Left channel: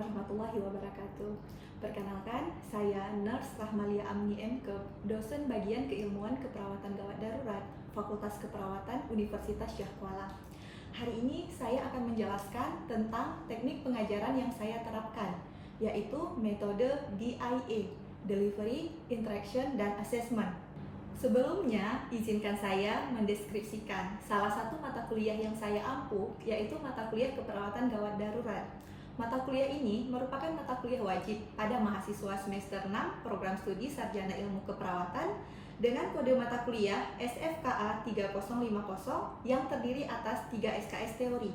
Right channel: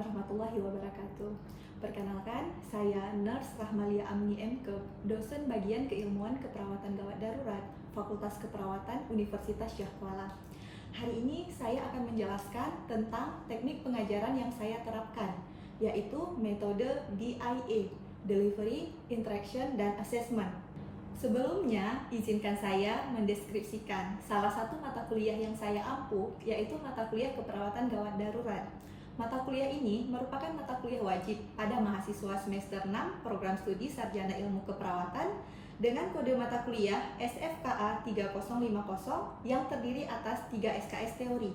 warahmatullahi wabarakatuh. Perkenalkan, saya Nurse Rahmalia Amni MK, dosen bagian keilmuan keperawatan gawat darurat, Fakultas Keperawatan Universitas Syah Kuala. Hari ini saya akan menjelaskan tentang teknik pengajaran yang saya terapkan, yaitu metode DIA, Delivery, Interaction, dan Assessment. Sebelumnya, izinkan saya mendeskripsikan salah satu mata kuliah yang saya ampuh, yaitu mata kuliah keperawatan gawat darurat. Mata kuliah ini merupakan mata kuliah wajib pada mahasiswa semester 6 program studi Sarjana Ilmu Keperawatan dengan kode mata kuliah SFKA 3050 yang terdiri atas 3 SKS teori.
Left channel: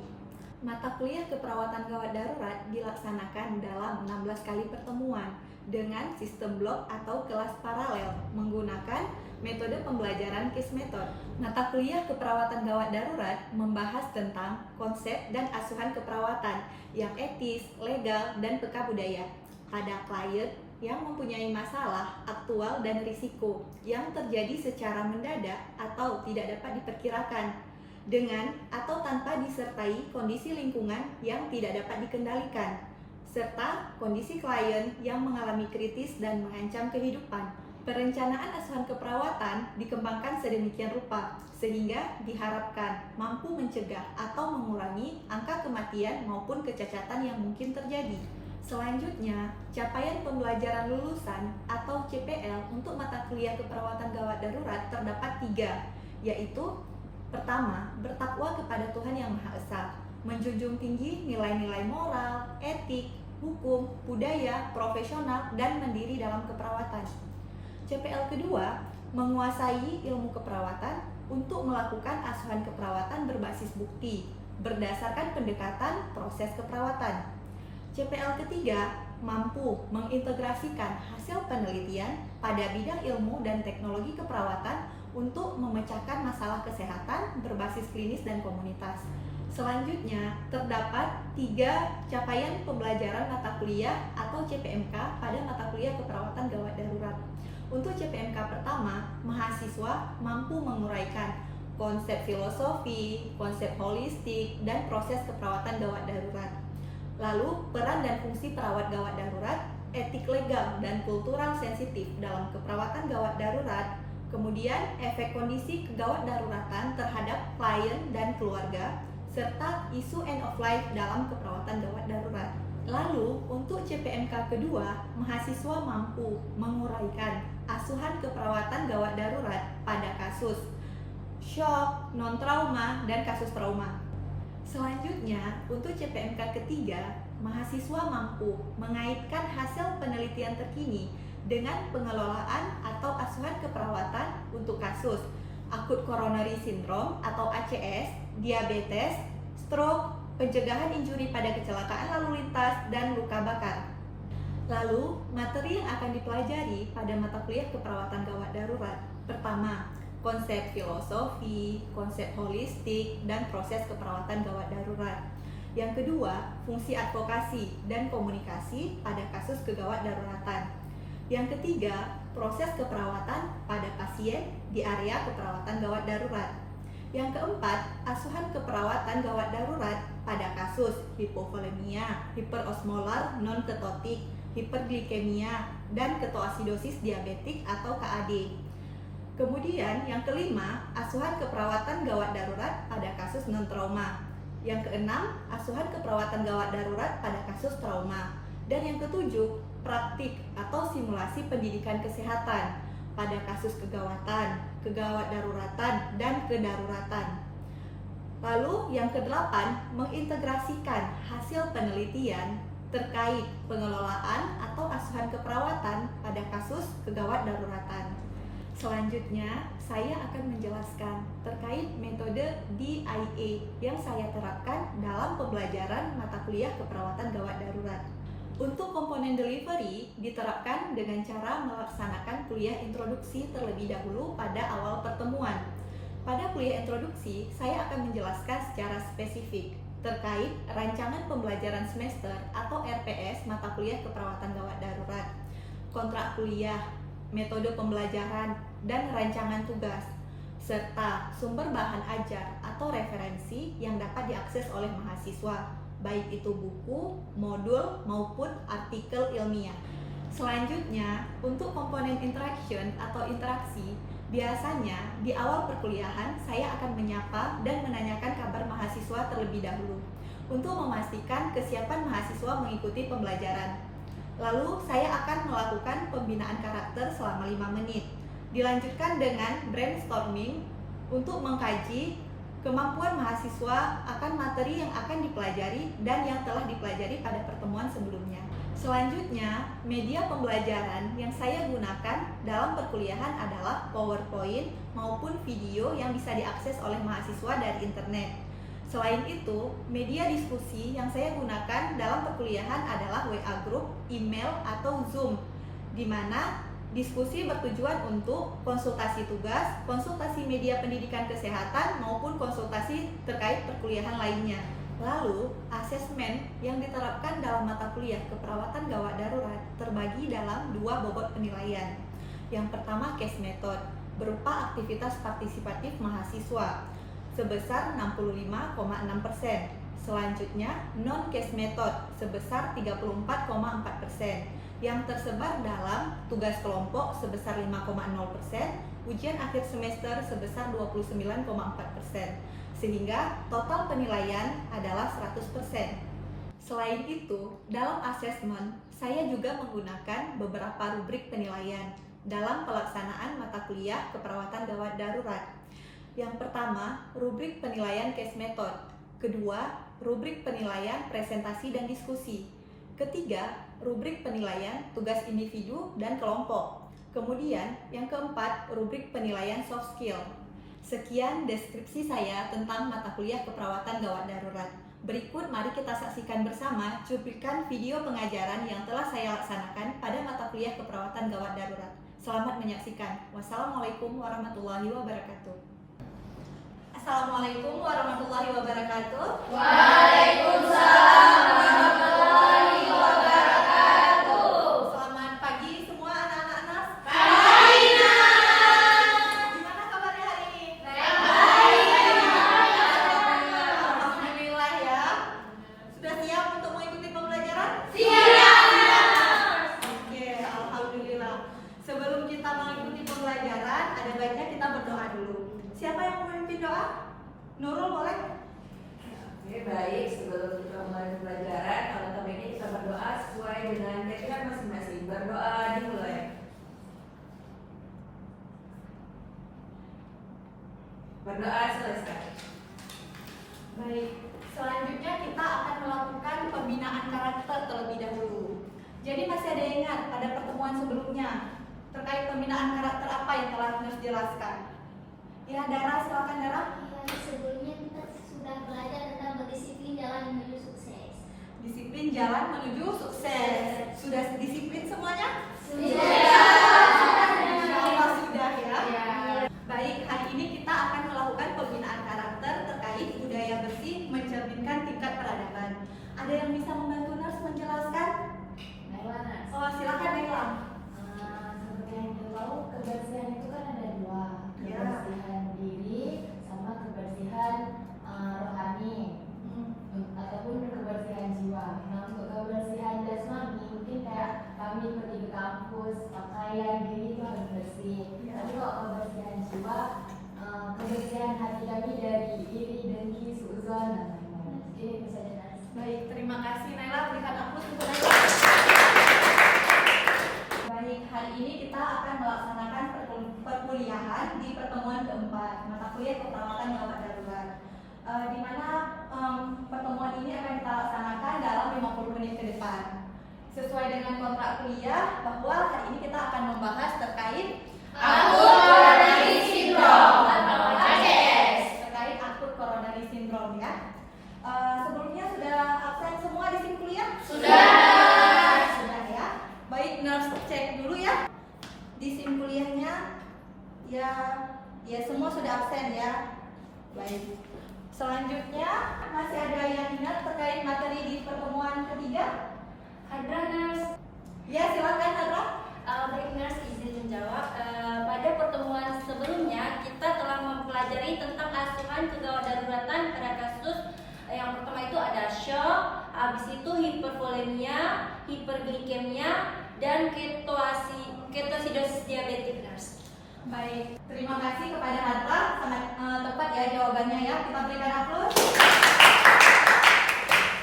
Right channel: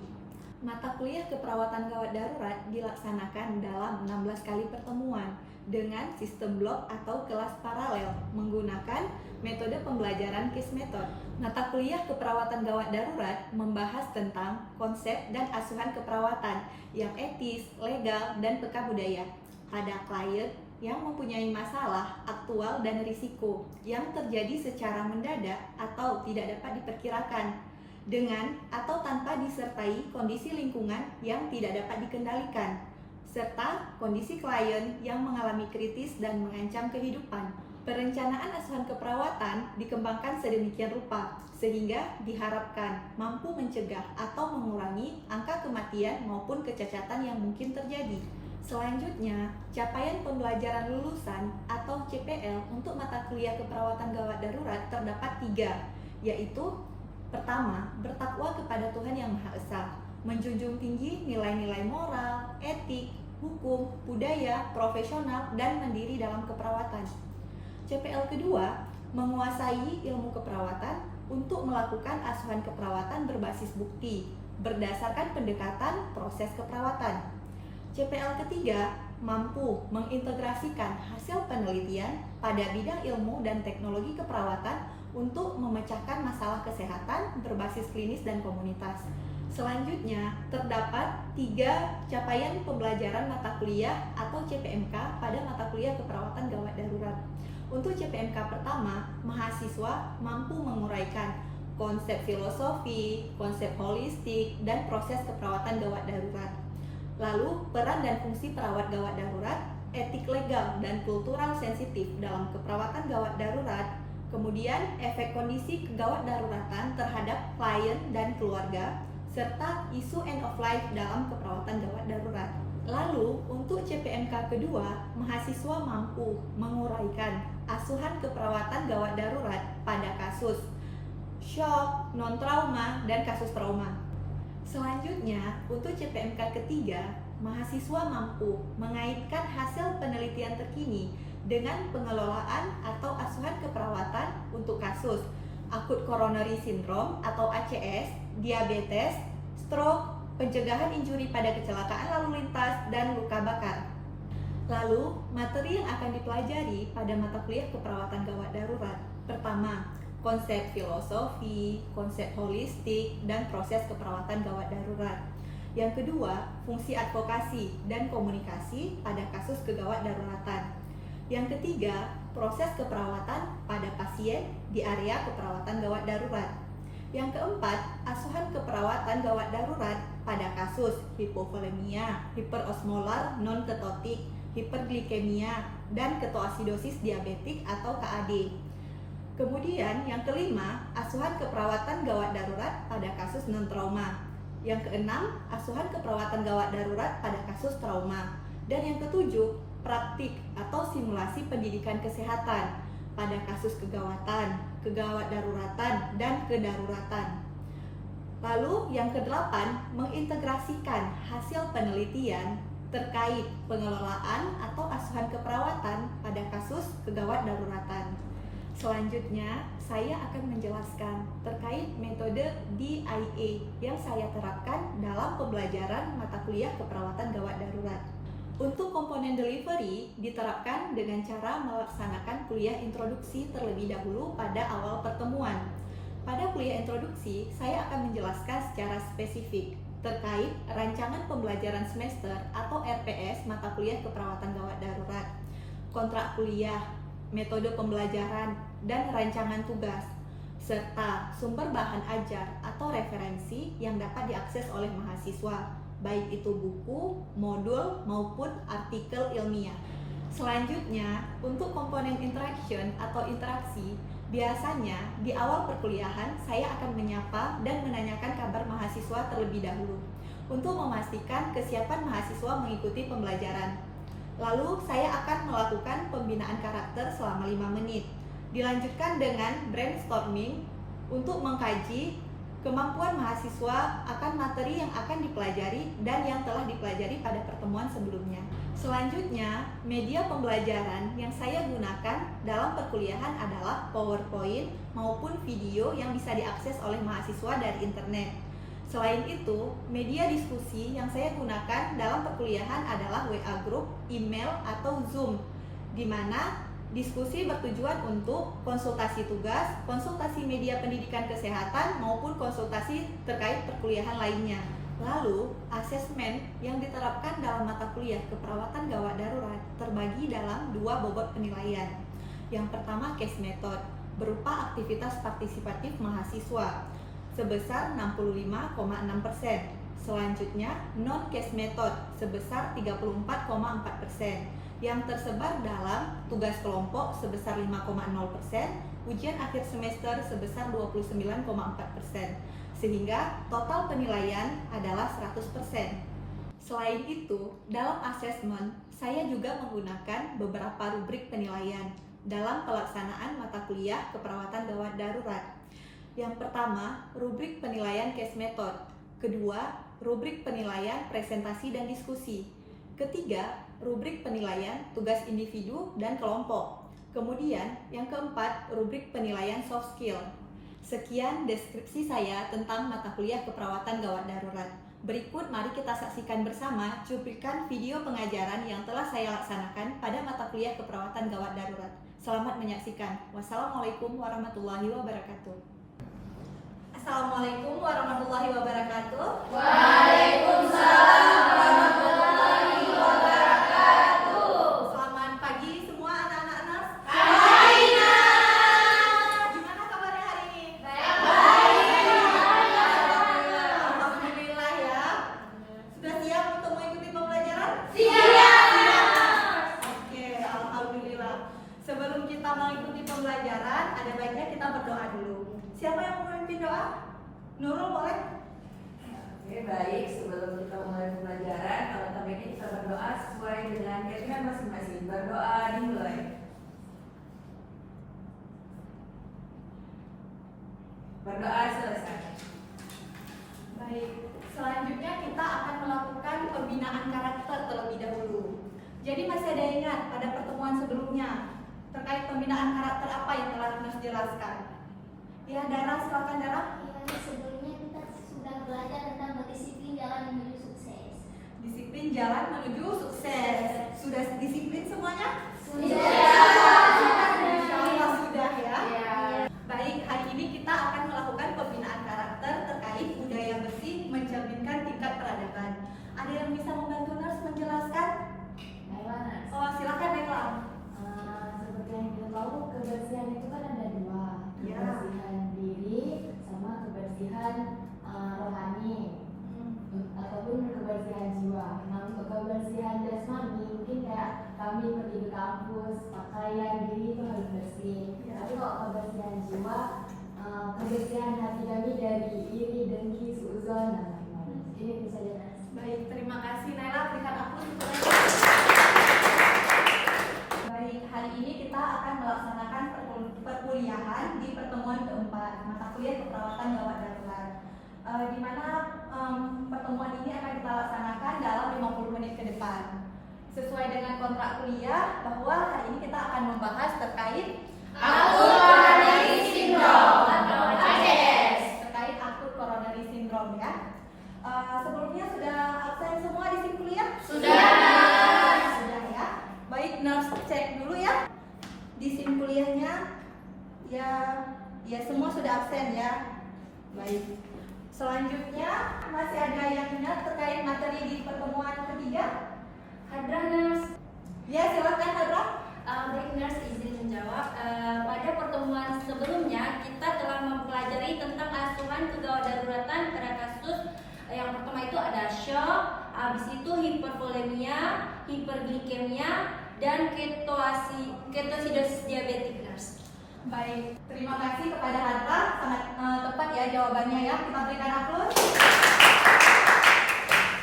Mata kuliah keperawatan gawat darurat dilaksanakan dalam 16 kali pertemuan dengan sistem blok atau kelas paralel menggunakan metode pembelajaran case method. Mata kuliah keperawatan gawat darurat membahas tentang konsep dan asuhan keperawatan yang etis, legal, dan peka budaya pada klien yang mempunyai masalah aktual dan risiko yang terjadi secara mendadak atau tidak dapat diperkirakan dengan atau tanpa disertai kondisi lingkungan yang tidak dapat dikendalikan, serta kondisi klien yang mengalami kritis dan mengancam kehidupan. Perencanaan asuhan keperawatan dikembangkan sedemikian rupa, sehingga diharapkan mampu mencegah atau mengurangi angka kematian maupun kecacatan yang mungkin terjadi. Selanjutnya, capaian pembelajaran lulusan atau CPL untuk mata kuliah keperawatan gawat darurat terdapat 3, yaitu pertama, bertakwa kepada Tuhan Yang Maha Esa, menjunjung tinggi nilai-nilai moral, etik, hukum, budaya, profesional, dan mandiri dalam keperawatan. CPL kedua, menguasai ilmu keperawatan untuk melakukan asuhan keperawatan berbasis bukti, berdasarkan pendekatan proses keperawatan. CPL ketiga, mampu mengintegrasikan hasil penelitian pada bidang ilmu dan teknologi keperawatan untuk memecahkan masalah kesehatan berbasis klinis dan komunitas. Selanjutnya, terdapat 3 capaian pembelajaran mata kuliah atau CPMK pada mata kuliah keperawatan gawat darurat. Untuk CPMK pertama, mahasiswa mampu menguraikan konsep filosofi, konsep holistik, dan proses keperawatan gawat darurat. Lalu, peran dan fungsi perawat gawat darurat, etik legal dan kultural sensitif dalam keperawatan gawat darurat, kemudian efek kondisi kegawat daruratan terhadap klien dan keluarga, serta isu end of life dalam keperawatan gawat darurat. Lalu, untuk CPMK kedua, mahasiswa mampu menguraikan asuhan keperawatan gawat darurat pada kasus shock, non-trauma, dan kasus trauma. Selanjutnya, untuk CPMK ketiga, mahasiswa mampu mengaitkan hasil penelitian terkini dengan pengelolaan atau asuhan keperawatan untuk kasus akut coronary syndrome atau ACS, diabetes, stroke, pencegahan injuri pada kecelakaan lalu lintas, dan luka bakar. Lalu, materi yang akan dipelajari pada mata kuliah keperawatan gawat darurat. Pertama, konsep filosofi, konsep holistik, dan proses keperawatan gawat darurat. Yang kedua, fungsi advokasi dan komunikasi pada kasus kegawat daruratan. Yang ketiga, proses keperawatan pada pasien di area keperawatan gawat darurat. Yang keempat, asuhan keperawatan gawat darurat pada kasus hipovolemia, hiperosmolar non-ketotik, hiperglikemia, dan ketoasidosis diabetik atau KAD. Kemudian yang kelima, asuhan keperawatan gawat darurat pada kasus non-trauma. Yang keenam, asuhan keperawatan gawat darurat pada kasus trauma. Dan yang ketujuh, praktik atau simulasi pendidikan kesehatan pada kasus kegawatan, kegawat daruratan, dan kedaruratan. Lalu yang kedelapan, mengintegrasikan hasil penelitian terkait pengelolaan atau asuhan keperawatan pada kasus kegawat daruratan. Selanjutnya, saya akan menjelaskan terkait metode DIA yang saya terapkan dalam pembelajaran mata kuliah keperawatan gawat darurat. Untuk komponen delivery diterapkan dengan cara melaksanakan kuliah introduksi terlebih dahulu pada awal pertemuan. Pada kuliah introduksi, saya akan menjelaskan secara spesifik terkait rancangan pembelajaran semester atau RPS mata kuliah keperawatan gawat darurat, kontrak kuliah, metode pembelajaran, dan rancangan tugas, serta sumber bahan ajar atau referensi yang dapat diakses oleh mahasiswa, baik itu buku, modul, maupun artikel ilmiah. Selanjutnya, untuk komponen interaction atau interaksi, biasanya di awal perkuliahan saya akan menyapa dan menanyakan kabar mahasiswa terlebih dahulu untuk memastikan kesiapan mahasiswa mengikuti pembelajaran. Lalu saya akan melakukan pembinaan karakter selama 5 menit. Dilanjutkan dengan brainstorming untuk mengkaji kemampuan mahasiswa akan materi yang akan dipelajari dan yang telah dipelajari pada pertemuan sebelumnya. Selanjutnya, media pembelajaran yang saya gunakan dalam perkuliahan adalah PowerPoint maupun video yang bisa diakses oleh mahasiswa dari internet. Selain itu, media diskusi yang saya gunakan dalam perkuliahan adalah WA Group, email, atau Zoom, di mana diskusi bertujuan untuk konsultasi tugas, konsultasi media pendidikan kesehatan, maupun konsultasi terkait perkuliahan lainnya. Lalu, asesmen yang diterapkan dalam mata kuliah keperawatan gawat darurat terbagi dalam 2 bobot penilaian. Yang pertama, case method, berupa aktivitas partisipatif mahasiswa, sebesar 65,6%. Selanjutnya, non-case method, sebesar 34,4%. Yang tersebar dalam tugas kelompok sebesar 5,0%, ujian akhir semester sebesar 29,4%, sehingga total penilaian adalah 100%. Selain itu, dalam asesmen, saya juga menggunakan beberapa rubrik penilaian dalam pelaksanaan mata kuliah keperawatan gawat darurat. Yang pertama, rubrik penilaian case method. Kedua, rubrik penilaian presentasi dan diskusi. Ketiga, rubrik penilaian tugas individu dan kelompok. Kemudian, yang keempat, rubrik penilaian soft skill. Sekian deskripsi saya tentang mata kuliah keperawatan gawat darurat. Berikut mari kita saksikan bersama cuplikan video pengajaran yang telah saya laksanakan pada mata kuliah keperawatan gawat darurat. Selamat menyaksikan. Wassalamualaikum warahmatullahi wabarakatuh. Assalamualaikum warahmatullahi wabarakatuh. Waalaikumsalam warahmatullahi wabarakatuh. Selamat pagi semua anak-anak NAS. Pagi, Nak. Gimana kabarnya hari ini? Baik. Alhamdulillah ya. Sudah siap untuk mengikuti pembelajaran? Siap. Oke, alhamdulillah. Sebelum kita mengikuti pembelajaran, ada baiknya kita berdoa dulu. Siapa yang mau memimpin doa? Nurul boleh? Oke, baik. Sebelum kita mulai pembelajaran, kalau baiknya kita berdoa sesuai dengan keyakinan masing-masing. Berdoa dimulai. Berdoa selesai. Baik, selanjutnya kita akan melakukan pembinaan karakter terlebih dahulu. Jadi masih ada yang ingat pada pertemuan sebelumnya terkait pembinaan karakter apa yang telah Nus jelaskan? Ya, Dara, silakan Dara. Sebelumnya kita sudah belajar tentang berdisiplin jalan menuju sukses. Disiplin jalan menuju sukses. Sudah disiplin semuanya? Sudah. Insya Allah sudah ya. Ya. Baik, hari ini kita akan melakukan pembinaan karakter terkait budaya bersih mencerminkan tingkat peradaban. Ada yang bisa membantu Nurse menjelaskan? Naila, Oh, silakan Naila. seperti yang kita tahu, kebersihan itu kan ada dua, Ya. kebersihan diri sama kebersihan rohani ataupun kebersihan jiwa. Nah, untuk kebersihan jasmani mungkin kayak kami pergi ke kampus, pakaian diri itu harus bersih. Ya. Tapi kalau kebersihan jiwa, kebersihan hati kami dari iri, dengki, suudzon dan lain-lain. Ini bisa jelas. Baik, terima kasih Naila. Berikan aplaus untuk Naila. Baik, hari ini kita akan melaksanakan perkuliahan di pertemuan keempat mata kuliah keperawatan gawat darurat. Di mana pertemuan ini akan kita laksanakan dalam 50 menit ke depan. Sesuai dengan kontrak kuliah bahwa hari ini kita akan membahas terkait Akut coronary syndrome atau ACS. Terkait akut coronary syndrome ya. Sebelumnya sudah absen semua di SIM kuliah? Sudah ya. Baik, Nurse cek dulu ya. Di SIM kuliahnya ya semua sudah absen ya. Baik. Selanjutnya masih ada yang ingat terkait materi di pertemuan ketiga? Hadra Nurse. Ya, silakan Hadra. Baik Nurse, izin menjawab. Pada pertemuan sebelumnya kita telah mempelajari tentang asuhan kegawat daruratan pada kasus yang pertama itu ada shock, habis itu hipervolemia, hiperglikemia, dan ketosidosis diabetik, nurse. Baik, terima kasih kepada Harta, sangat tepat ya jawabannya ya. Kita berikan aplaus.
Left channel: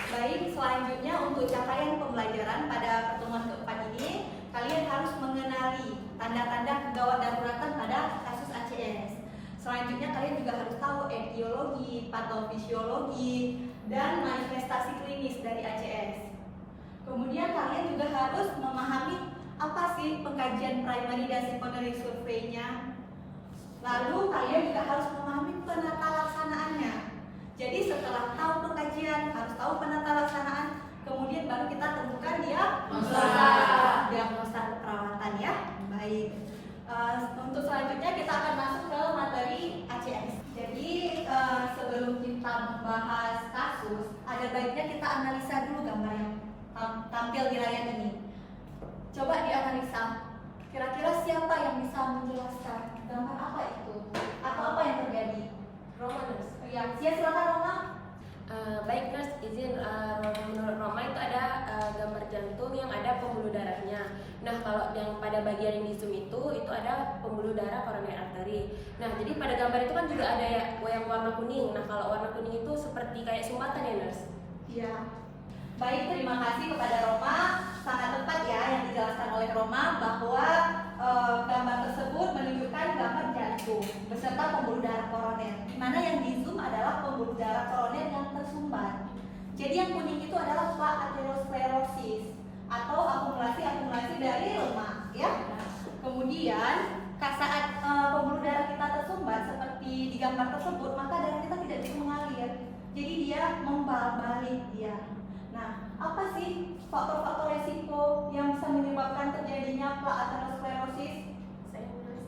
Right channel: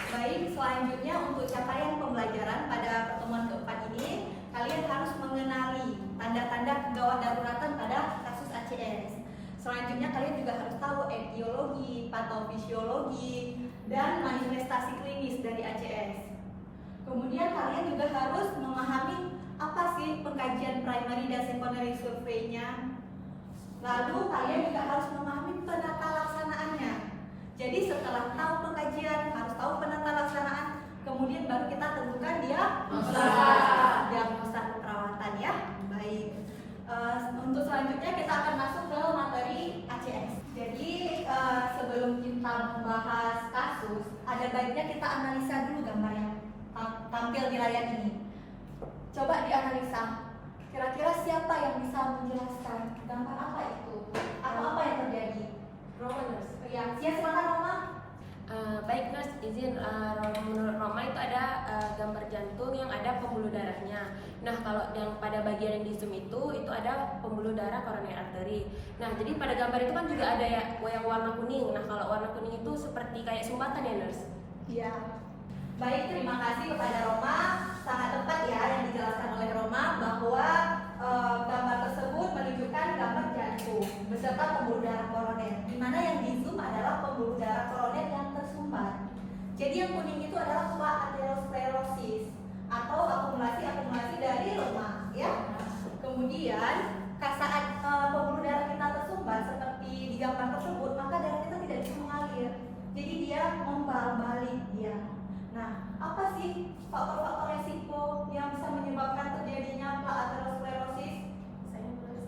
Baik, selanjutnya untuk capaian pembelajaran pada pertemuan keempat ini, kalian harus mengenali tanda-tanda kegawat daruratan pada kasus ACS. Selanjutnya kalian juga harus tahu etiologi, patofisiologi, dan manifestasi klinis dari ACS. Kemudian kalian juga harus memahami apa sih pengkajian primary dan secondary survey-nya. Lalu kalian juga harus memahami penata laksanaannya. Jadi setelah tahu pengkajian, harus tahu penata laksanaan, kemudian baru kita tentukan diagnosa keperawatan ya. Baik. Untuk selanjutnya kita akan masuk ke materi ACS. Jadi sebelum kita membahas kasus, ada baiknya kita analisa dulu gambar yang tampil di layar ini. Coba dianalisa. Kira-kira siapa yang bisa menjelaskan gambar apa itu? Atau apa yang terjadi? Roma, nurse. Ya, silakan Roma. Baik nurse, izin menurut Roma itu ada gambar jantung yang ada pembuluh darahnya. Nah kalau yang pada bagian yang di zoom itu ada pembuluh darah koroner arteri. Nah jadi pada gambar itu kan juga ada yang warna kuning. Nah kalau warna kuning itu seperti kayak sumbatan ya nurse? Iya. Baik, terima kasih kepada Roma. Sangat tepat ya yang dijelaskan oleh Roma bahwa gambar tersebut menunjukkan gambar jantung beserta pembuluh darah koroner. Di mana yang di zoom adalah pembuluh darah koroner yang tersumbat. Jadi yang kuning itu adalah aterosklerosis atau akumulasi dari lemak, ya. Kemudian saat pembuluh darah kita tersumbat seperti di gambar tersebut, maka darah kita tidak bisa mengalir. Jadi dia membalik dia. Nah, apa sih faktor-faktor resiko yang bisa menyebabkan terjadinya aterosklerosis?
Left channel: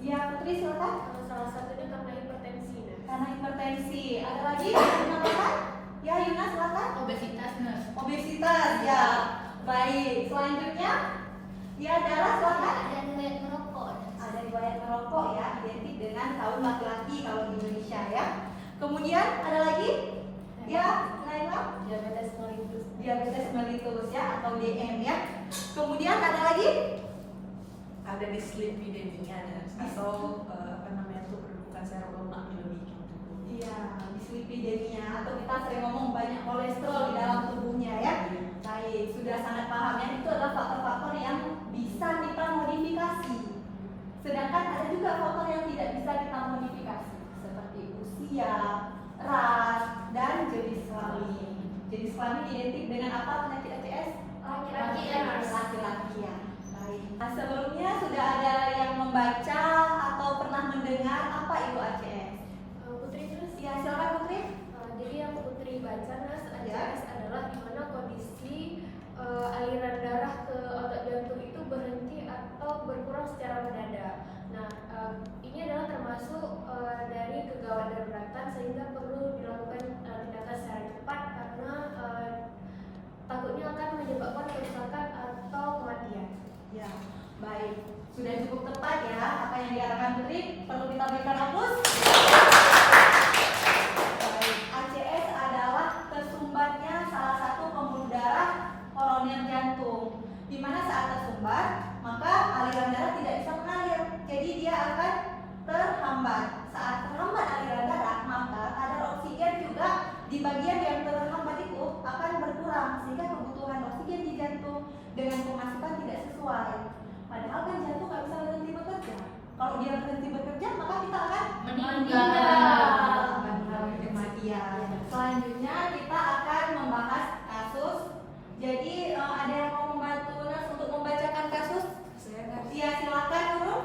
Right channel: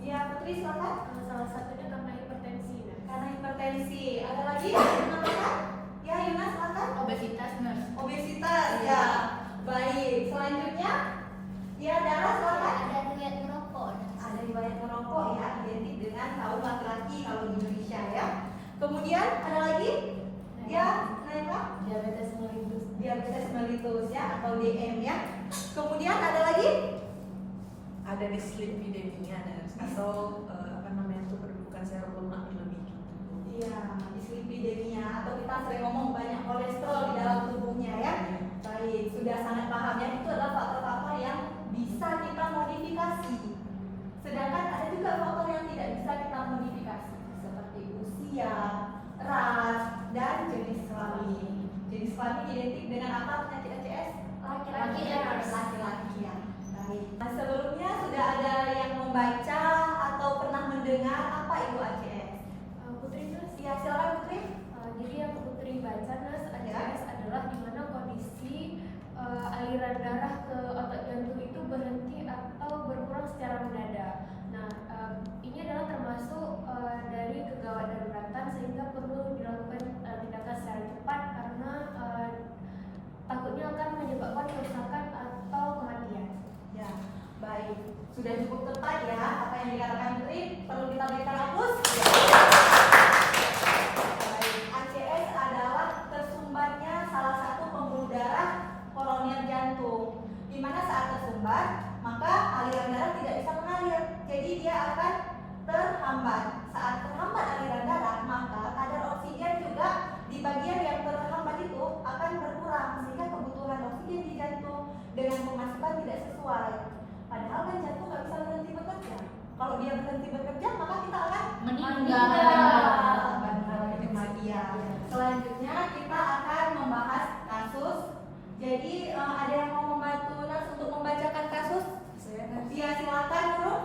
Ya, Putri silakan. Salah satunya karena hipertensi. Karena hipertensi. Ada lagi yang menambahkan? Ya, Yuna silakan. Obesitas, nurse. Obesitas, ya. Baik. Selanjutnya, ya Dara silakan. Ada riwayat merokok. Ada riwayat merokok ya, identik dengan kaum laki-laki kalau di Indonesia ya. Kemudian ada lagi? Ya, Naila. Diabetes mellitus ya atau DM ya. Kemudian ada lagi? Ada dyslipidemia atau penumpukan serum lemak berlebih. Iya, dyslipidemia atau kita sering ngomong banyak kolesterol di dalam tubuhnya ya. Baik, sudah sangat paham ya. Itu adalah faktor-faktor yang bisa kita modifikasi. Sedangkan ada juga faktor yang tidak bisa kita modifikasi seperti usia, ras, dan jenis kelamin. Jenis kelamin identik dengan apa penyakit ACS? Laki-laki ya. Baik. Nah, sebelumnya sudah ada yang membaca atau pernah mendengar apa itu ACS? Putri, nurse. Ya, silakan Putri. Jadi yang Putri baca, nurse, ACS Ya. adalah di mana kondisi aliran darah ke otot jantung itu berhenti atau berkurang secara mendadak. Nah, ini adalah termasuk dari kegawat daruratan sehingga perlu dilakukan tindakan secara cepat karena takutnya akan menyebabkan kerusakan atau kematian. Ya, baik. Sudah cukup tepat ya apa yang dikatakan Putri. Perlu kita berikan aplaus. Baik. ACS adalah tersumbatnya salah satu pembuluh darah koroner jantung. Di mana saat tersumbat, maka aliran darah tidak bisa mengalir. Jadi dia akan terhambat. Saat terhambat aliran darah, maka kadar oksigen juga di bagian yang terhambat itu akan berkurang sehingga kebutuhan oksigen di jantung dengan pemasukan tidak sesuai. Padahal kan jantung nggak bisa berhenti bekerja. Kalau dia berhenti bekerja, maka kita akan meninggal. Kematian. Selanjutnya kita akan membahas kasus. Jadi ada yang mau membantu Nurse untuk membacakan kasus? Ya, silakan Nurul.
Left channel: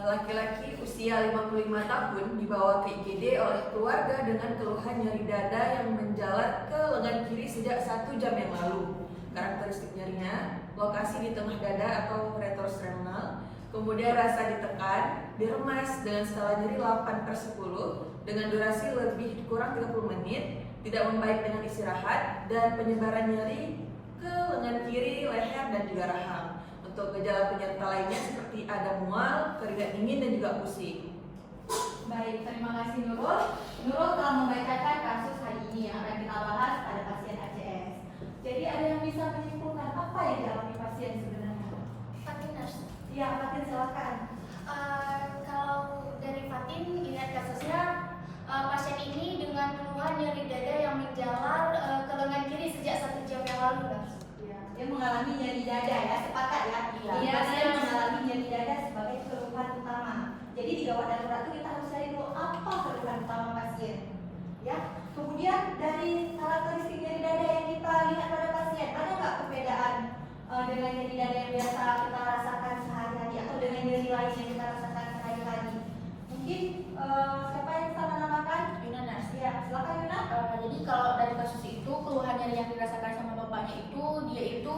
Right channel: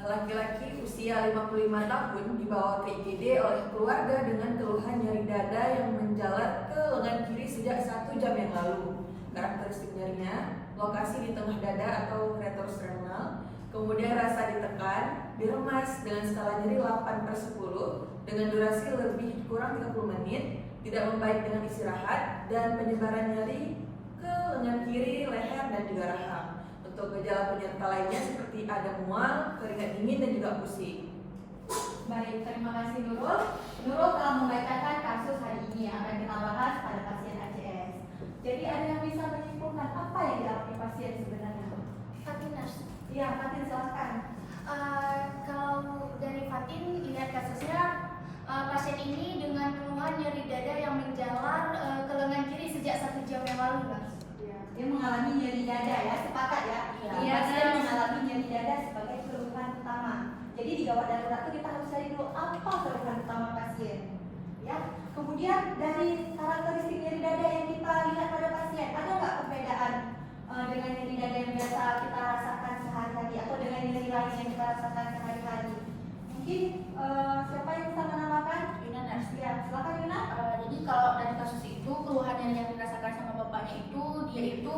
Laki-laki usia 55 tahun dibawa ke IGD oleh keluarga dengan keluhan nyeri dada yang menjalar ke lengan kiri sejak 1 jam yang lalu. Karakteristik nyerinya, lokasi di tengah dada atau retrosternal, kemudian rasa ditekan, diremas dengan skala nyeri 8/10 dengan durasi lebih kurang 30 menit, tidak membaik dengan istirahat, dan penyebaran nyeri ke lengan kiri, leher, dan juga rahang. Untuk gejala penyerta lainnya seperti ada mual, keringat dingin, dan juga pusing. Baik, terima kasih Nurul. Nurul telah membacakan kasus hari ini yang akan kita bahas pada pasien ACS. Jadi ada yang bisa menyimpulkan apa yang dialami pasien sebenarnya? Fatin nurse. Iya, Fatin silakan. Kalau dari Fatin lihat kasusnya, pasien ini dengan keluhan nyeri dada yang menjalar ke lengan kiri sejak 1 jam yang lalu, nurse. Dia mengalami nyeri dada ya, sepakat ya? Iya, Pasien Nurse. mengalami nyeri dada sebagai keluhan utama. Jadi di gawat darurat itu kita harus cari dulu apa keluhan utama pasien. Ya, kemudian dari karakteristik nyeri dada yang kita lihat pada pasien, ada nggak perbedaan dengan nyeri dada yang biasa kita rasakan sehari-hari atau dengan nyeri lain yang kita rasakan sehari-hari? Mungkin siapa yang bisa menambahkan? Yuna, nurse. Ya, silakan Yuna. Jadi kalau dari kasus itu keluhan nyeri yang dirasakan sama bapaknya itu dia itu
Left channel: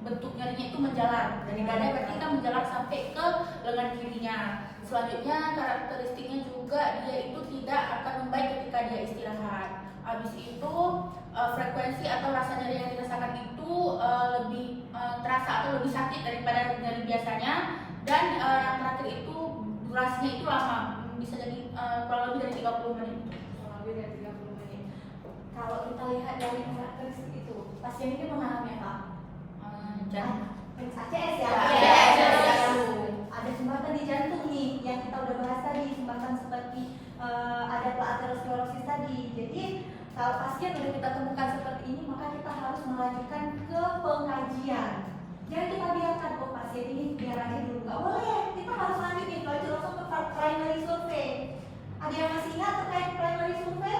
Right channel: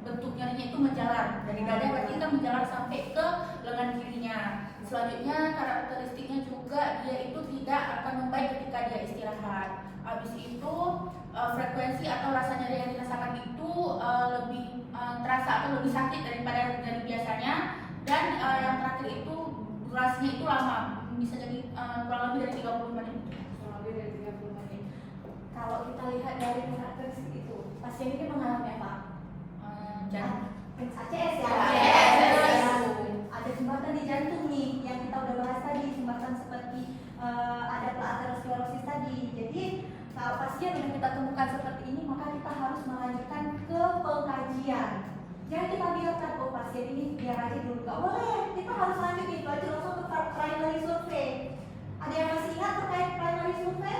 bentuk nyerinya itu menjalar dari dada, berarti kita menjalar sampai ke lengan kirinya. Selanjutnya karakteristiknya juga dia itu tidak akan membaik ketika dia istirahat. Habis itu frekuensi atau rasa nyeri yang dirasakan itu lebih terasa atau lebih sakit daripada nyeri biasanya, dan yang terakhir itu durasinya itu lama, bisa jadi kurang lebih dari 30 menit. Lebih dari 30 menit. Kalau kita lihat dari karakteristik itu, pasien ini mengalami apa? ACS ya? ACS. Ada sumbatan di jantung nih, yang kita udah bahas tadi, sumbatan seperti ada aterosklerosis tadi. Jadi kalau pasien udah kita temukan seperti ini, maka kita harus melanjutkan ke pengkajian. Jangan kita biarkan kok pasien ini biar aja dulu, nggak boleh. Kita harus lanjutin, lanjut langsung ke primary survey. Ada yang masih ingat terkait primary survey?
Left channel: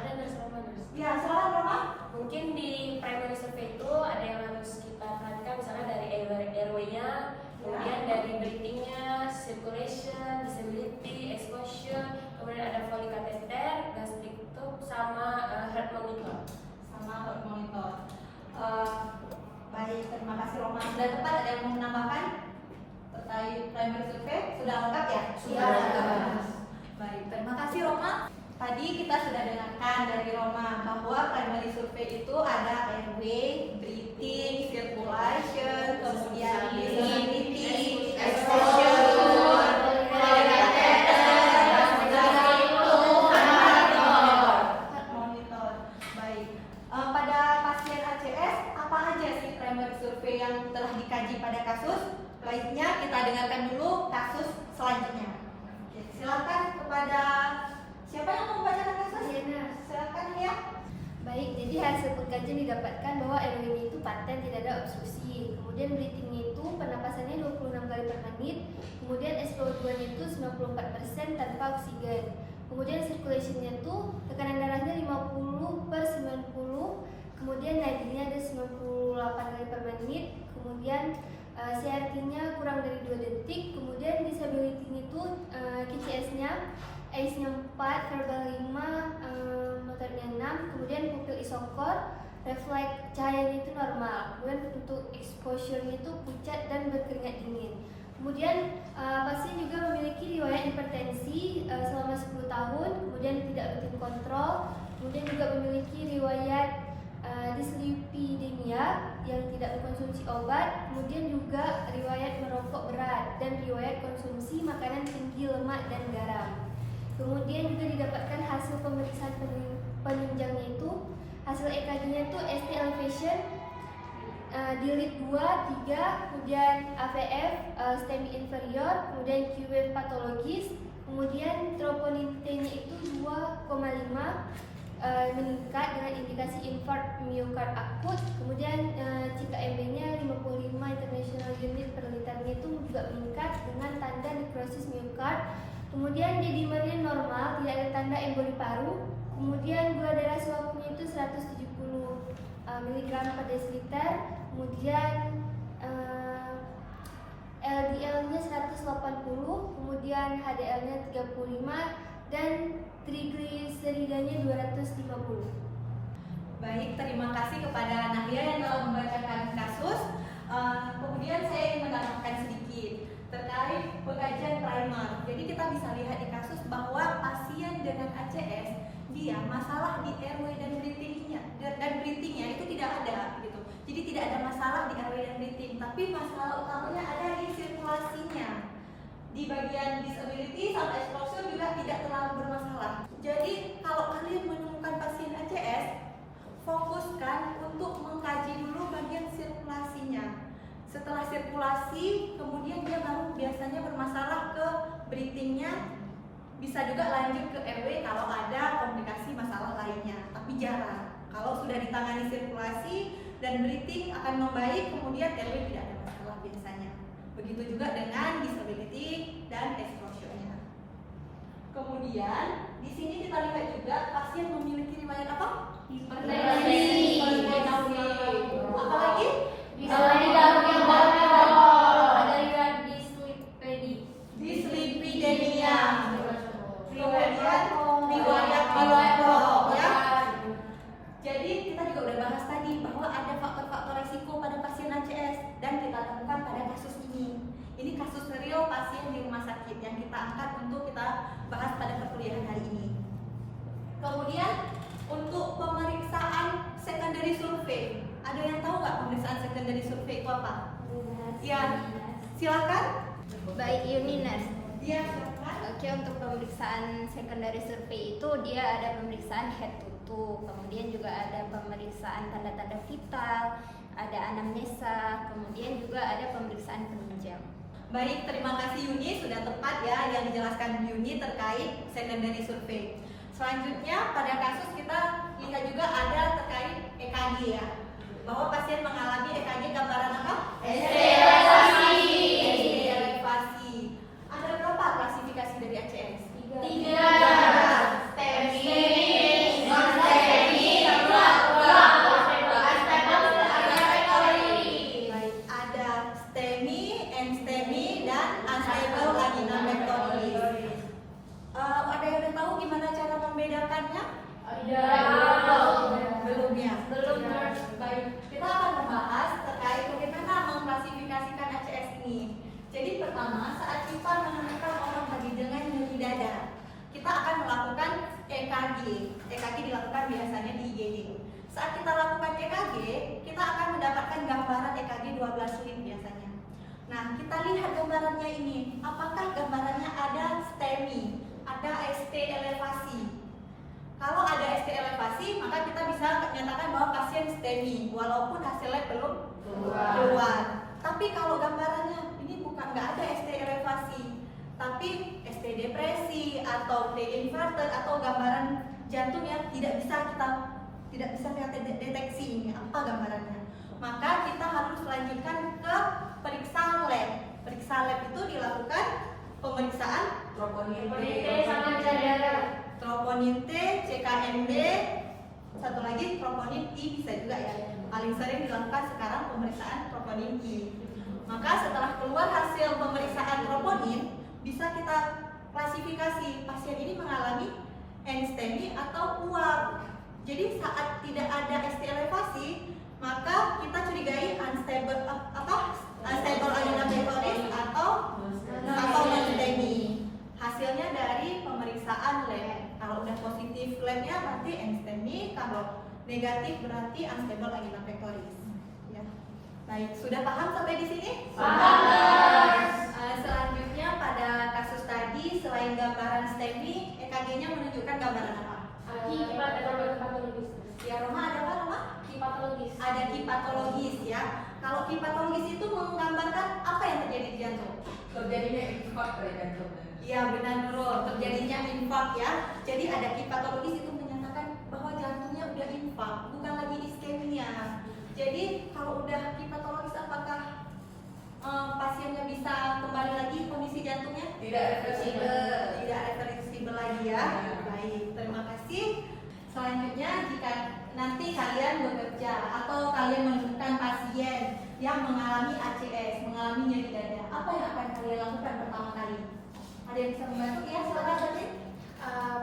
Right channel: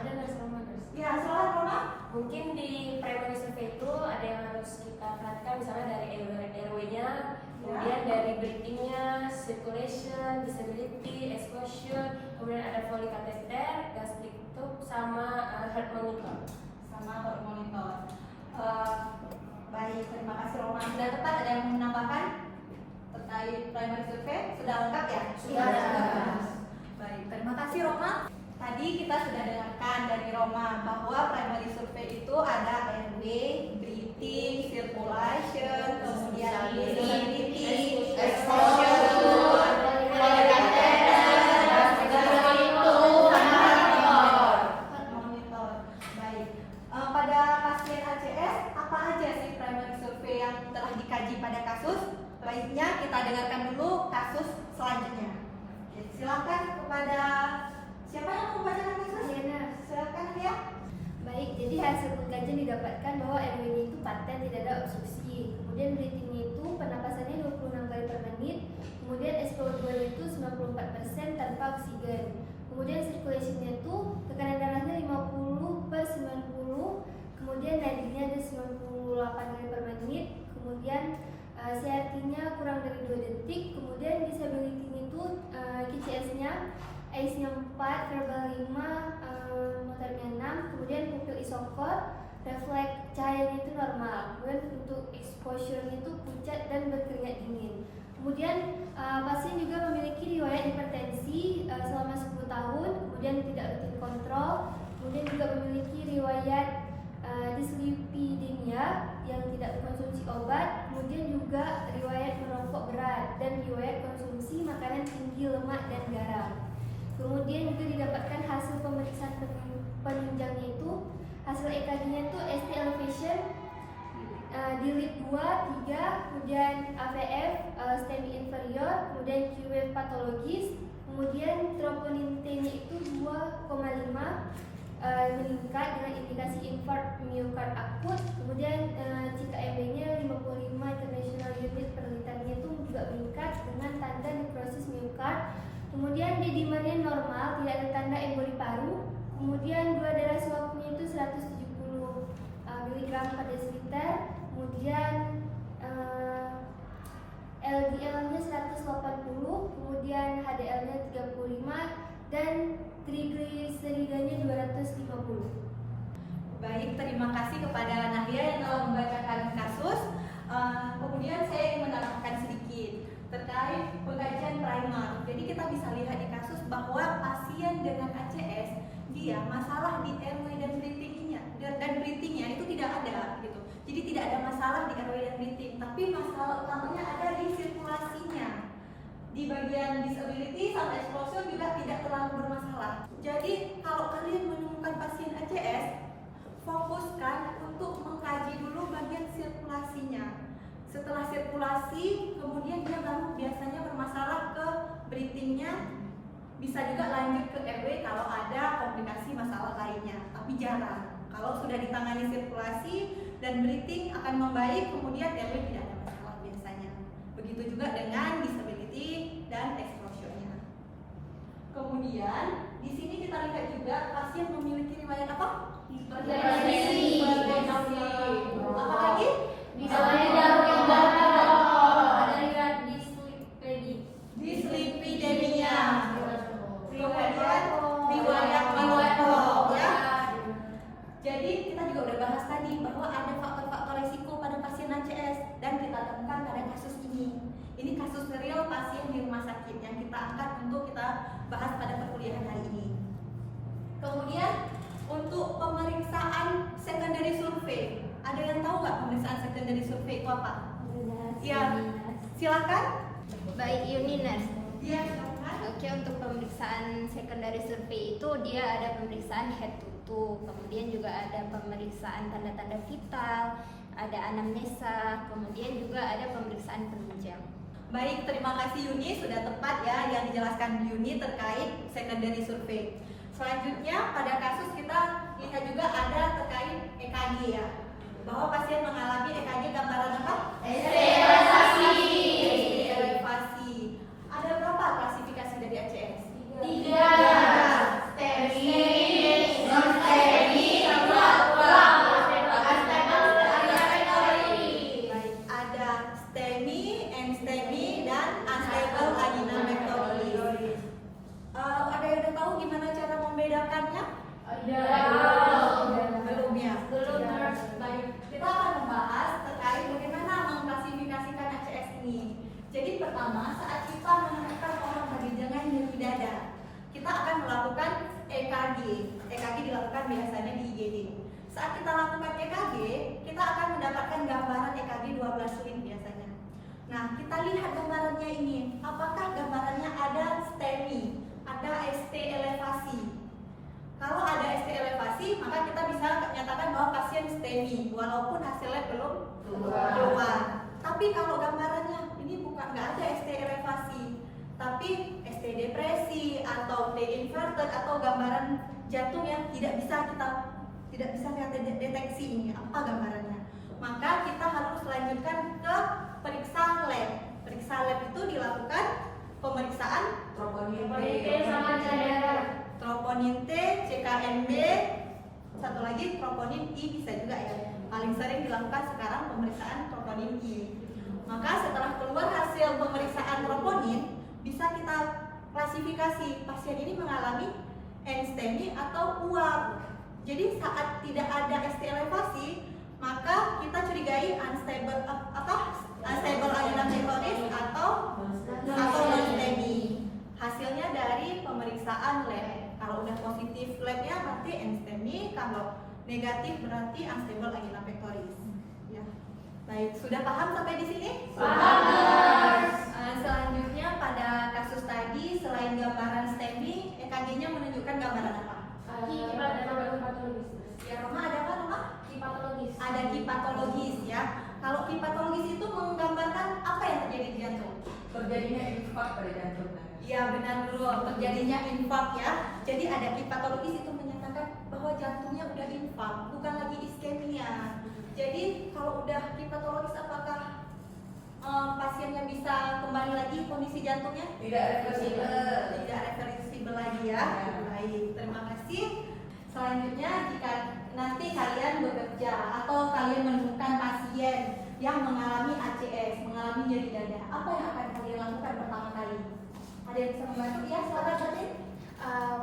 Ada nurse Roma, nurse. Ya, silakan Roma. Mungkin di primary survey itu ada yang harus kita perhatikan, misalnya dari airway-nya, kemudian dari breathing-nya, circulation, disability, exposure, kemudian ada Foley catheter, gastric tube, sama heart monitor. Sama heart monitor. Baik, terima kasih Roma. Sudah tepat, ada yang mau menambahkan terkait primary survey? Sudah lengkap ya? Sudah lengkap. Baik, terima kasih Roma. Tadi kita sudah dengarkan dari Roma bahwa primary survey itu ada airway, breathing, circulation, kemudian disability, exposure, monitor. Baik. Pada pasien ACS, apa aja sih primary survey yang telah dikaji pada kasus? Baiknya kita dengarkan dulu kasus selanjutnya. Oke, silakan kepada siapa yang mau membacakan kasus? Silakan ya. Baik, jadi hasil pengkajian didapatkan bahwa airway itu paten, tidak ada obstruksi. Kemudian breathing-nya itu pernapasannya 26 kali per menit. Kemudian SpO2-nya itu 94% tanpa oksigen. Kemudian circulation-nya itu tekanan darahnya 50/90. Kemudian nadinya ada 98 kali per menit. Kemudian CRT-nya kurang dari 2 detik. Kemudian disability-nya itu KCS-nya ACE-nya 4, verbal 5, motornya 6. Kemudian pupil isokor, refleks cahayanya itu normal. Kemudian untuk exposure-nya itu pucat dan berkeringat dingin. Kemudian pasien juga memiliki riwayat hipertensi selama 10 tahun, kemudian tidak rutin kontrol, kemudian juga memiliki riwayat dislipidemia yang tidak mengkonsumsi obat, kemudian juga riwayat merokok berat dan riwayat konsumsi makanan tinggi lemak dan garam. Kemudian juga didapatkan hasil pemeriksaan penunjangnya itu, hasil EKG-nya itu ST elevation di lead 2, 3, kemudian AVF STEMI inferior, kemudian Q-wave patologis, kemudian troponin T-nya itu 2,5 meningkat dengan indikasi infarct myocard akut, kemudian CKMB-nya 55 international unit per liternya itu juga meningkat dengan tanda necrosis myocard. Kemudian D-dimernya normal, tidak ada tanda emboli paru. Kemudian gula darah suakunya itu 170 mg per desiliter. Kemudian LDL-nya 180, kemudian HDL-nya 35, dan trigliseridanya 250. Baik, terima kasih kepada Nahya yang telah membacakan kasus. Kemudian saya ingin menambahkan sedikit terkait pengkajian primer. Jadi kita bisa lihat di kasus bahwa pasien dengan ACS dia masalah di airway dan breathingnya itu tidak ada gitu. Jadi tidak ada masalah di airway dan breathing, tapi masalah utamanya ada di sirkulasinya. Di bagian disability sama exposure juga tidak terlalu bermasalah. Jadi kalau kalian menemukan pasien ACS, fokus fokuskan untuk mengkaji dulu bagian sirkulasinya. Setelah sirkulasi, kemudian dia baru biasanya bermasalah ke breathingnya. Bisa juga lanjut ke airway kalau ada komplikasi masalah lainnya, tapi jarang. Kalau sudah ditangani sirkulasi dan breathing akan membaik, kemudian airway tidak ada masalah biasanya. Begitu juga dengan disability dan exposure-nya. Kemudian di sini kita lihat juga pasien memiliki riwayat apa? Hipertensi. Apa lagi? Ada riwayat Dislipidemia. Kemudian riwayat merokok ya. Jadi kita juga udah bahas tadi bahwa ada faktor-faktor resiko pada pasien ACS dan kita temukan pada kasus ini. Ini kasus real pasien di rumah sakit yang kita angkat untuk kita bahas pada perkuliahan hari ini. Kemudian untuk pemeriksaan secondary survey, ada yang tahu nggak pemeriksaan secondary survey itu apa? Ya, silakan. Baik Yuni Nurse. Dia silakan. Oke, untuk pemeriksaan secondary survey itu dia ada pemeriksaan head to toe, kemudian juga ada pemeriksaan tanda-tanda vital, ada anamnesa, kemudian juga ada pemeriksaan penunjang. Baik, terima kasih Yuni, sudah tepat ya yang dijelaskan Yuni terkait secondary survey. Selanjutnya pada kasus kita lihat juga ada terkait EKG ya, bahwa pasien mengalami EKG gambaran apa? ST elevasi. Ada berapa klasifikasi dari ACS? 3. Baik, ada STEMI, NSTEMI, dan unstable angina pectoris. Ada yang udah tahu gimana cara membedakannya? Belum ya? Baik, kita akan membahas terkait bagaimana mengklasifikasikan ACS ini. Jadi pertama, saat kita menemukan orang bagi dengan nyeri dada, kita akan melakukan EKG. EKG dilakukan biasanya di IGD. Saat kita lakukan EKG, kita akan mendapatkan gambaran EKG 12 lead biasanya. Nah, kita lihat gambarannya ini. Apakah gambarannya ada STEMI, ada ST elevasi? Kalau ada ST elevasi, maka kita bisa menyatakan bahwa pasien STEMI, walaupun hasilnya belum keluar. Tapi kalau gambarannya ini bukan, nggak ada ST elevasi, tapi ST depresi atau pre-infarcted atau gambaran jantung yang tidak bisa kita deteksi ini apa gambarannya. Maka kita harus lanjutkan ke periksa lab. Periksa lab itu dilakukan pemeriksaan troponin T, CKMB, satu lagi troponin I bisa juga ya. Paling sering dilakukan sekarang pemeriksaan troponin I. Maka setelah keluar hasil pemeriksaan troponin, bisa kita klasifikasi pasien ini mengalami NSTEMI atau uap. Jadi saat tidak ada ST elevasi, maka kita curigai unstable angina pectoris atau non-STEMI. Hasilnya dari pemeriksaan lab. Kalau udah positif labnya berarti NSTEMI, kalau negatif berarti unstable angina pectoris. Ya. Baik, sudah paham sampai di sini? Paham. Selanjutnya pada kasus tadi selain gambaran STEMI, EKG-nya menunjukkan gambaran apa? Ya, Roma ada apa, Roma? Ada hipatologis ya. Kalau hipatologis itu menggambarkan apa yang terjadi di jantung? Terjadinya infak pada jantung. Iya benar Nurul, terjadinya infak ya. Jadi ada hipatologis itu menyatakan bahwa jantungnya udah infak, bukan lagi iskemia. Jadi kalau udah hipatologis apakah pasiennya bisa kembali lagi kondisi jantungnya? Tidak reversibel lagi ya. Baik, terima kasih. Selanjutnya jika nanti kalian bekerja atau kalian menemukan pasien yang mengalami ACS, mengalami nyeri dada, apa yang akan kalian lakukan pertama kali? Ada yang bisa membantu? Ya, silakan Fatin.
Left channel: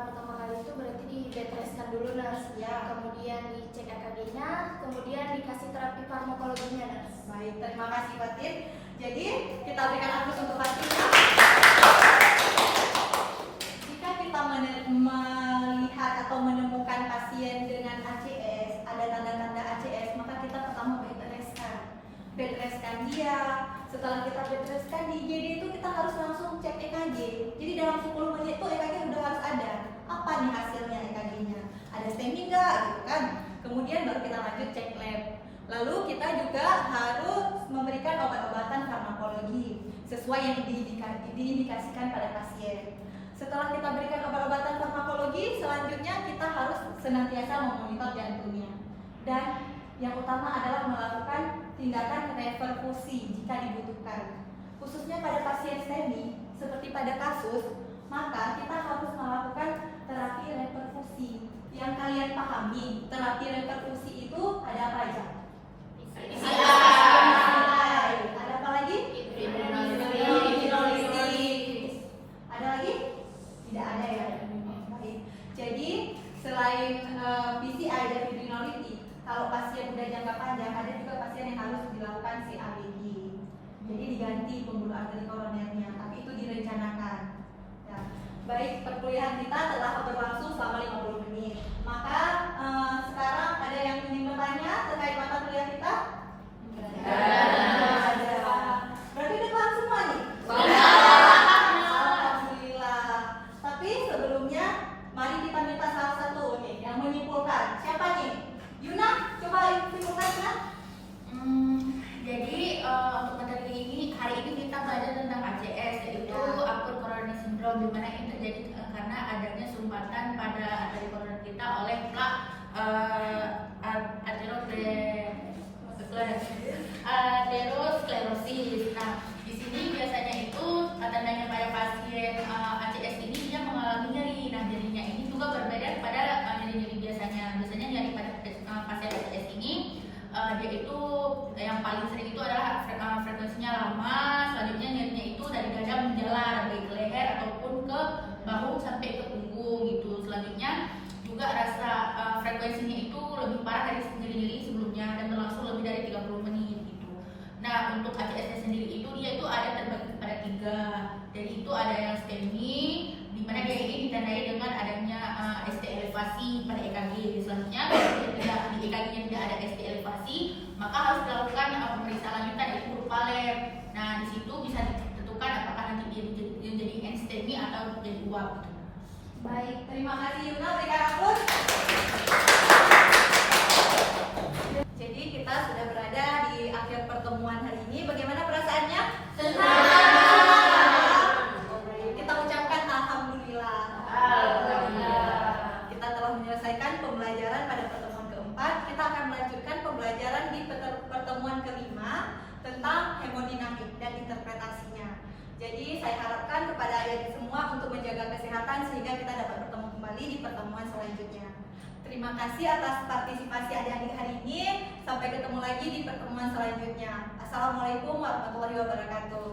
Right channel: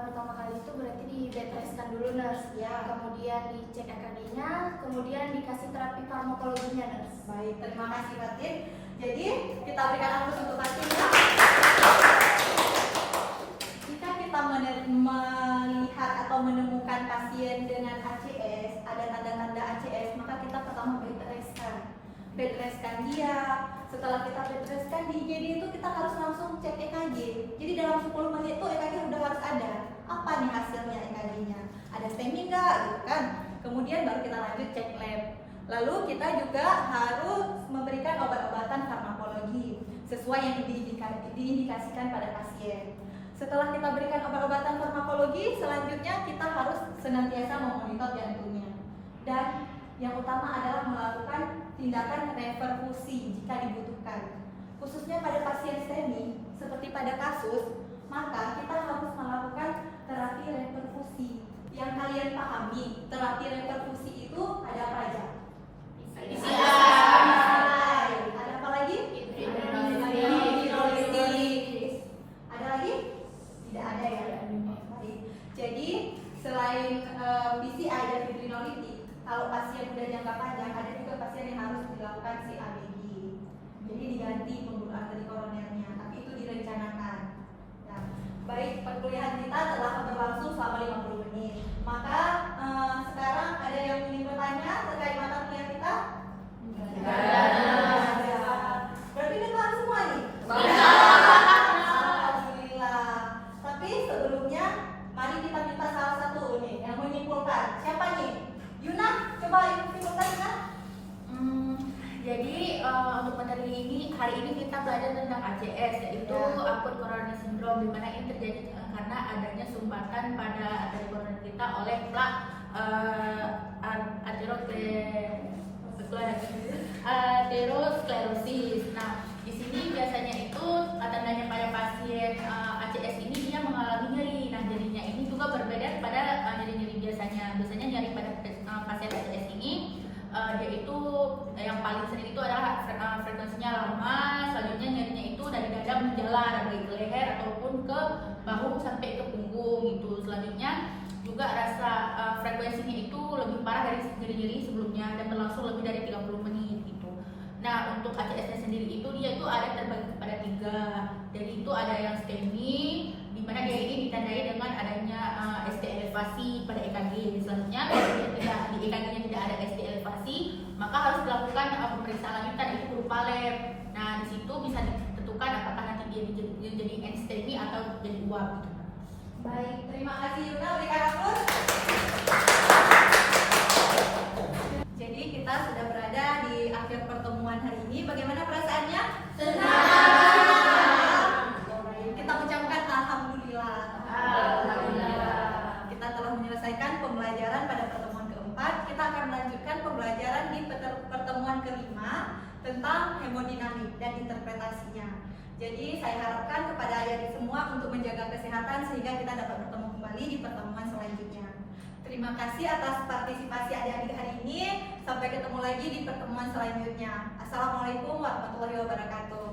Pertama kali itu berarti di bed restkan dulu nurse, Ya. kemudian dicek EKG-nya, kemudian dikasih terapi farmakologinya nurse. Baik, terima kasih Fatin. Jadi kita berikan aplaus untuk Fatin ya. Jika kita melihat atau menemukan pasien dengan ACS, ada tanda-tanda ACS, maka kita pertama bed restkan dia. Setelah kita bed restkan di IGD itu kita harus langsung cek EKG. Jadi dalam 10 menit itu EKG udah harus ada. Apa nih hasilnya EKG-nya? Ada STEMI enggak gitu kan? Kemudian Kemudian baru kita lanjut cek lab. Lalu kita juga harus memberikan obat-obatan farmakologi sesuai yang diindikasikan pada pasien. Setelah kita berikan obat-obatan farmakologi, selanjutnya kita harus senantiasa memonitor jantungnya. Dan yang utama adalah melakukan tindakan reperfusi jika dibutuhkan. Khususnya pada pasien STEMI, seperti pada kasus, maka kita harus melakukan terapi reperfusi. Yang kalian pahami, terapi reperfusi itu ada apa aja? Ada apa lagi? Hidrolisis. Ada lagi? Tidak ada ya. Baik. Jadi selain PCI dan hidrolisis, kalau pasien udah jangka panjang, ada juga pasien yang harus dilakukan CABG. Jadi diganti pembuluh arteri koronernya, tapi itu direncanakan. Ya. Baik, perkuliahan kita telah berlangsung selama 50 menit. Maka sekarang ada yang ingin bertanya terkait mata kuliah kita? Berarti udah paham semua nih? Alhamdulillah. Tapi sebelumnya, mari kita minta salah satu nih yang menyimpulkan. Siapa nih? Yuna, coba simpulkan Yuna. Jadi untuk materi ini, hari ini kita belajar tentang ACS, yaitu akut coronary syndrome, di mana ini terjadi karena adanya sumbatan pada arteri koroner kita oleh plak aterosklerosis. Nah, di sini biasanya itu tandanya pada pasien ACS ini dia mengalami nyeri. Nah, nyerinya ini juga berbeda pada nyeri-nyeri biasanya. Biasanya nyeri pada pasien ACS ini dia itu yang paling sering itu adalah frekuensinya lama, selanjutnya nyerinya itu dari dada menjalar baik ke leher ataupun ke bahu sampai ke punggung gitu. Selanjutnya juga rasa frekuensinya itu lebih parah dari nyeri-nyeri sebelumnya dan berlangsung lebih dari 30 menit gitu. Nah, untuk ACS sendiri itu dia itu ada terbagi pada 3. Jadi itu ada yang STEMI, di mana dia ini ditandai dengan adanya ST elevasi pada EKG. Selanjutnya kalau di EKG-nya tidak ada ST elevasi, maka harus dilakukan pemeriksaan lanjutan itu berupa lab. Nah, di situ bisa ditentukan apakah nanti dia jadi STEMI atau jadi uap gitu. Baik, terima kasih Yuna, berikan aplaus. Jadi kita sudah berada di akhir pertemuan hari ini. Bagaimana perasaannya? Senang. Kita ucapkan alhamdulillah. Kita telah menyelesaikan pembelajaran pada pertemuan keempat. Kita akan melanjutkan pembelajaran di pertemuan kelima tentang hemodinamik dan interpretasinya. Jadi saya harapkan kepada adik-adik semua untuk menjaga kesehatan sehingga kita dapat bertemu kembali di pertemuan selanjutnya. Terima kasih atas partisipasi adik-adik hari ini. Sampai ketemu lagi di pertemuan selanjutnya. Assalamualaikum warahmatullahi wabarakatuh.